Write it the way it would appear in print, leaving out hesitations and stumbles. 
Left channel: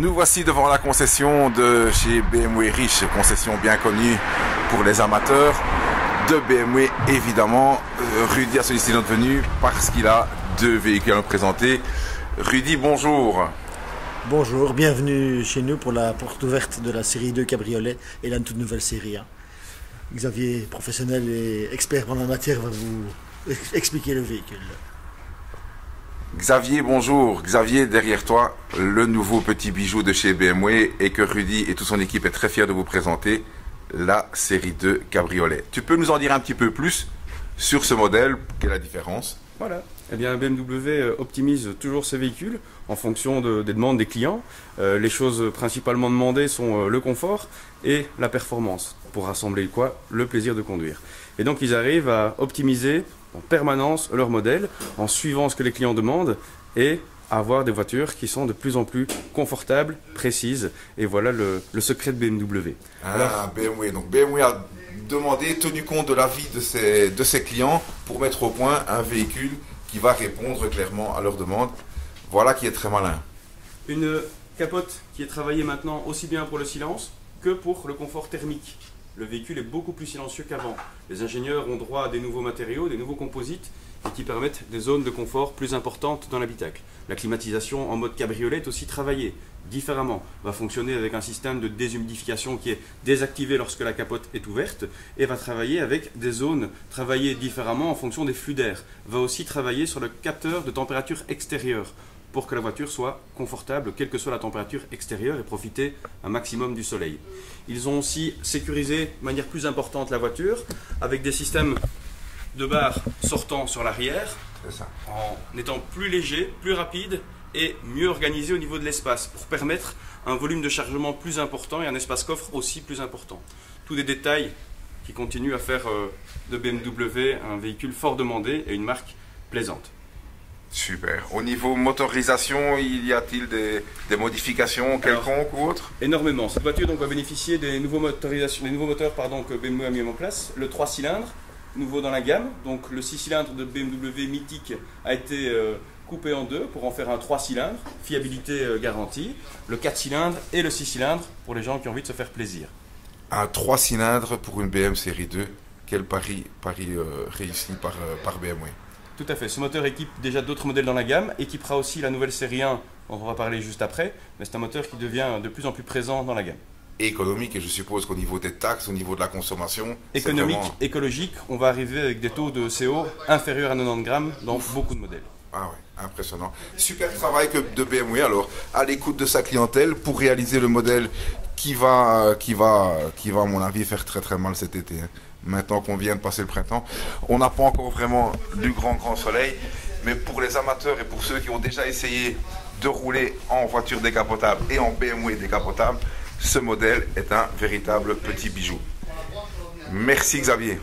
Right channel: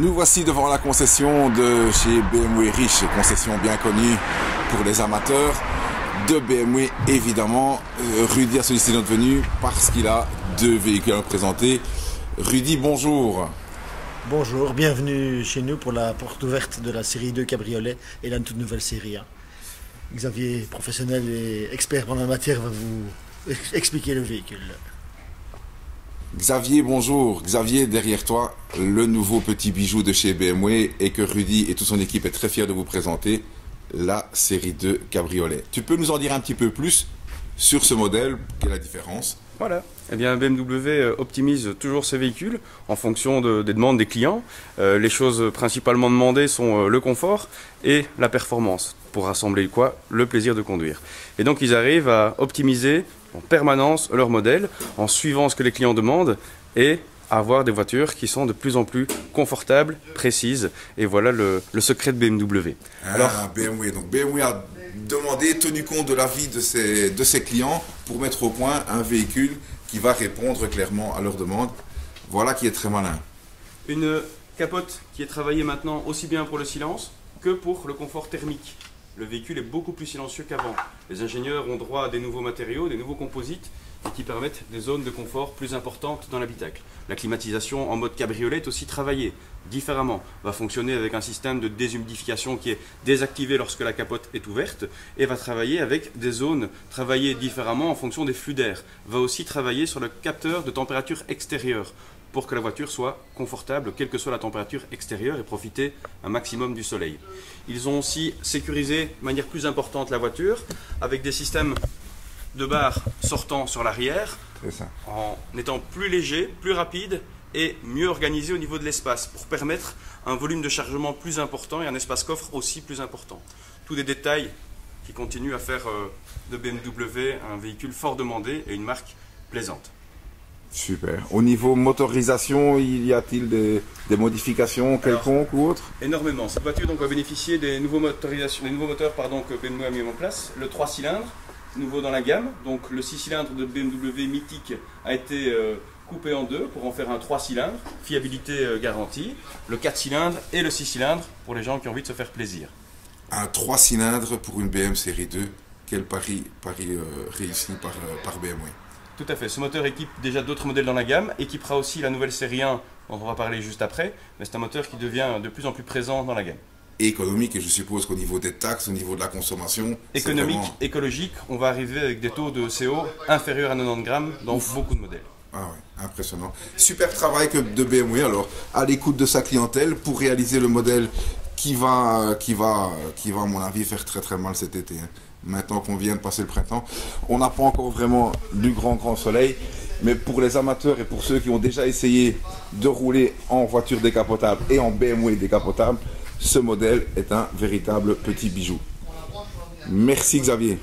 Nous voici devant la concession de chez BMW Riche, concession bien connue pour les amateurs de BMW évidemment. Rudy a sollicité notre venue parce qu'il a deux véhicules à présenter. Rudy, bonjour. Bonjour, bienvenue chez nous pour la porte ouverte de la série 2 Cabriolet et la toute nouvelle série 1. Xavier, professionnel et expert en la matière, va vous expliquer le véhicule. Xavier, bonjour. Xavier, derrière toi, le nouveau petit bijou de chez BMW et que Rudy et toute son équipe est très fiers de vous présenter, la série 2 Cabriolet. Tu peux nous en dire un petit peu plus sur ce modèle? Quelle est la différence? Voilà. Eh bien, BMW optimise toujours ses véhicules en fonction des demandes des clients. Les choses principalement demandées sont le confort et la performance. Pour rassembler quoi? Le plaisir de conduire. Et donc, ils arrivent à optimiser en permanence leur modèle en suivant ce que les clients demandent et avoir des voitures qui sont de plus en plus confortables, précises. Et voilà le secret de BMW. Alors, BMW. Donc, BMW a demandé, tenu compte de l'avis de ses clients pour mettre au point un véhicule qui va répondre clairement à leurs demandes. Voilà qui est très malin. Une capote qui est travaillée maintenant aussi bien pour le silence que pour le confort thermique. Le véhicule est beaucoup plus silencieux qu'avant. Les ingénieurs ont droit à des nouveaux matériaux, des nouveaux composites et qui permettent des zones de confort plus importantes dans l'habitacle. La climatisation en mode cabriolet est aussi travaillée différemment. Va fonctionner avec un système de déshumidification qui est désactivé lorsque la capote est ouverte et va travailler avec des zones travaillées différemment en fonction des flux d'air. Va aussi travailler sur le capteur de température extérieure pour que la voiture soit confortable, quelle que soit la température extérieure, et profiter un maximum du soleil. Ils ont aussi sécurisé de manière plus importante la voiture, avec des systèmes de barres sortant sur l'arrière, en étant plus léger, plus rapide, et mieux organisé au niveau de l'espace, pour permettre un volume de chargement plus important et un espace coffre aussi plus important. Tous des détails qui continuent à faire de BMW un véhicule fort demandé et une marque plaisante. Super. Au niveau motorisation, y a-t-il des modifications quelconques ou autres? Énormément. Cette voiture donc, va bénéficier des nouveaux moteurs que BMW a mis en place. Le 3 cylindres, nouveau dans la gamme. Donc le 6 cylindres de BMW mythique a été coupé en deux pour en faire un 3 cylindres. Fiabilité garantie. Le 4 cylindres et le 6 cylindres pour les gens qui ont envie de se faire plaisir. Un 3 cylindres pour une BMW série 2. Quel pari réussi par BMW. Tout à fait. Ce moteur équipe déjà d'autres modèles dans la gamme, équipera aussi la nouvelle série 1 dont on va parler juste après, mais c'est un moteur qui devient de plus en plus présent dans la gamme. Et économique, et je suppose qu'au niveau des taxes, au niveau de la consommation... Économique, vraiment... écologique, on va arriver avec des taux de CO inférieurs à 90 grammes dans beaucoup de modèles. Ah ouais, impressionnant. Super travail de BMW alors, à l'écoute de sa clientèle pour réaliser le modèle qui va à mon avis faire très très mal cet été. Maintenant qu'on vient de passer le printemps, on n'a pas encore vraiment du grand soleil, mais pour les amateurs et pour ceux qui ont déjà essayé de rouler en voiture décapotable et en BMW décapotable, ce modèle est un véritable petit bijou. Merci Xavier.